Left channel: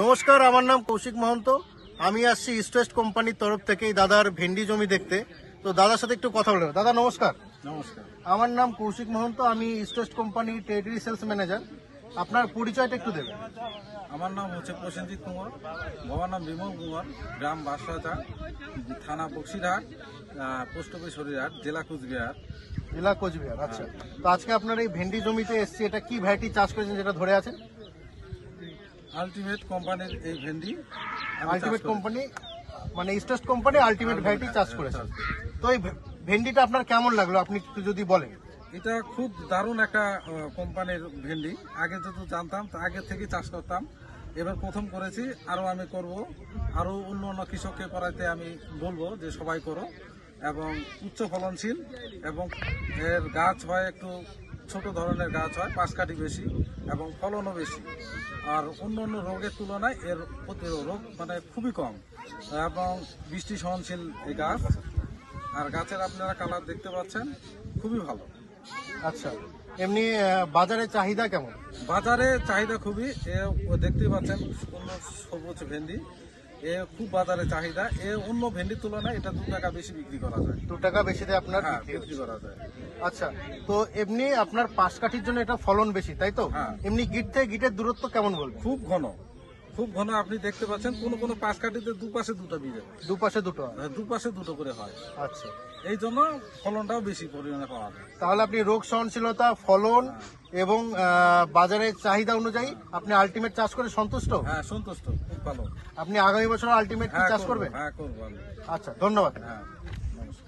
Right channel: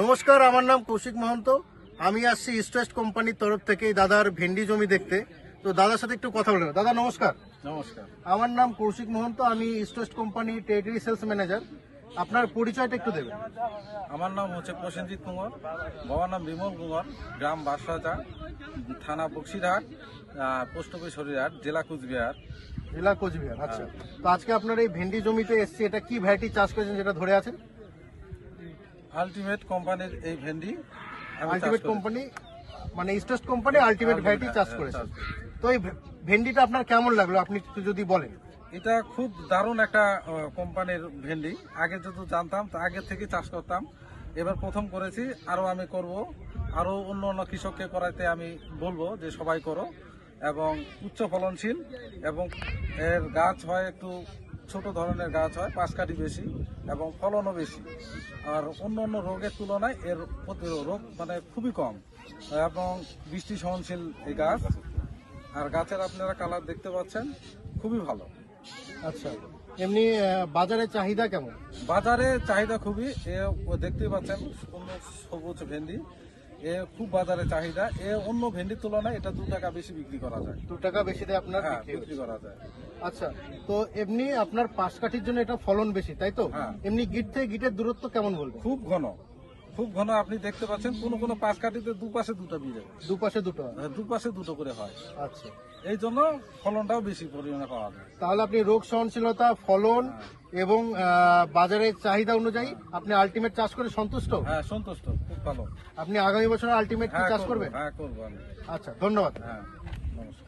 নমস্কার, আমার নাম কৌশিক মহন্ত। আমি আসছি ইস্ট ওয়েস্ট কোম্পানির তরফ থেকে এই দাদার ভেন্ডি জমি দেখতে। তো দাদার সাথে একটু কথা বলবো। দাদা নমস্কার। নমস্কার। আমার নাম কৌশিক মহন্ত, আমি ইস্ট ওয়েস্ট কোম্পানির টেরিটরি সেলস ম্যানেজার। আপনার পরিচয়টা একটু দেবেন। আমার নাম হচ্ছে প্রসেনজিৎ কুমার, বাবার নাম বিমল কুমার, গ্রাম বাঁশরাচা, থানা বক্সিরহাট, পোস্ট অফিস হরিহাট, জেলা কুচবিহার। জেলা কোচবিহার। আচ্ছা, তো আজকে আপনার এই ভেন্ডি জমিতে এসছে, এটা কি ভ্যারাইটি চাষ করেছেন যেটা ধরে আছেন? আলটিমেট কোম্পানির এই ভেন্ডি। আলটিমেট কোম্পানি মানে east West company ultimate variety চাষ করেছে। তো এই ভেন্ডিটা আপনার কেমন লাগলো আপনি একটু যদি বলেন। এটা খুব দারুণ একটা কোম্পানির ভেন্ডি। আগে যেহেতু জানতাম, তো আগে থেকে চাষ করতাম, এবার প্রথম করেছি। আরো আমি করব, আরো অন্য অন্য কৃষককে করাতে আমি বলবো যে সবাই করো। এবং উচ্চ ফলনশীল, এবং এর গাছ হয় একটু ছোট ধরনের গাছ হয়, পাঁচ কাঠি বেশি এবং ফলনও বেশি। আর অন্য অন্য রোগের তুলনায় এর রোগ মানে খুবই কম, এবং বৃষ্টি সহনশীল এই গাছ। আর গাছের আপনারা কালার দেখতে পাচ্ছেন, খুবই ভালো। আচ্ছা, এমনি বাজারে চাহিদা কেমন? বাজারে চাহিদা খুবই, দেখতেই পাচ্ছেন সুন্দর সবুজ ভেন্ডি, খুব বাজারে চাহিদা। অন্য ভেন্ডির তুলনায় এটা 2 টাকা বেশি বিক্রি করা যায়। 2 টাকা বেশিতে আপনার বিক্রি করা যায়। আচ্ছা, তো এমনি আপনার পাঁচ কাঠির জন্য এটা ফলন বেশি, তাই তো? হ্যাঁ। এমনি গিট থেকে গিটের দূরত্ব কেমন বলবেন? খুব ঘন, খুব ঘন। আপনি দেখতে পাচ্ছেন কোন কোন পাঁচ কাঠিতে দুপাশে দুটো বীজ, দুপাশে দুটো। দুপাশে দুটো করে হয়। আচ্ছা, এই জন্য ফলনটাও বেশি পরিমাণে পাওয়া যায়। তাহলে আপনি রোগ সহনশীলতা, ফলন এবং বাজারের চাহিদা অনুযায়ী আপনি আলটিমেট চাষ করে সন্তুষ্ট? হ্যাঁ, সন্তুষ্ট, খুব ভালো। আপনি আগামী বছর আলটিমেট চাষ করবেন? হ্যাঁ, করবো আমি। আচ্ছা, ধন্যবাদ। হ্যাঁ, নমস্কার।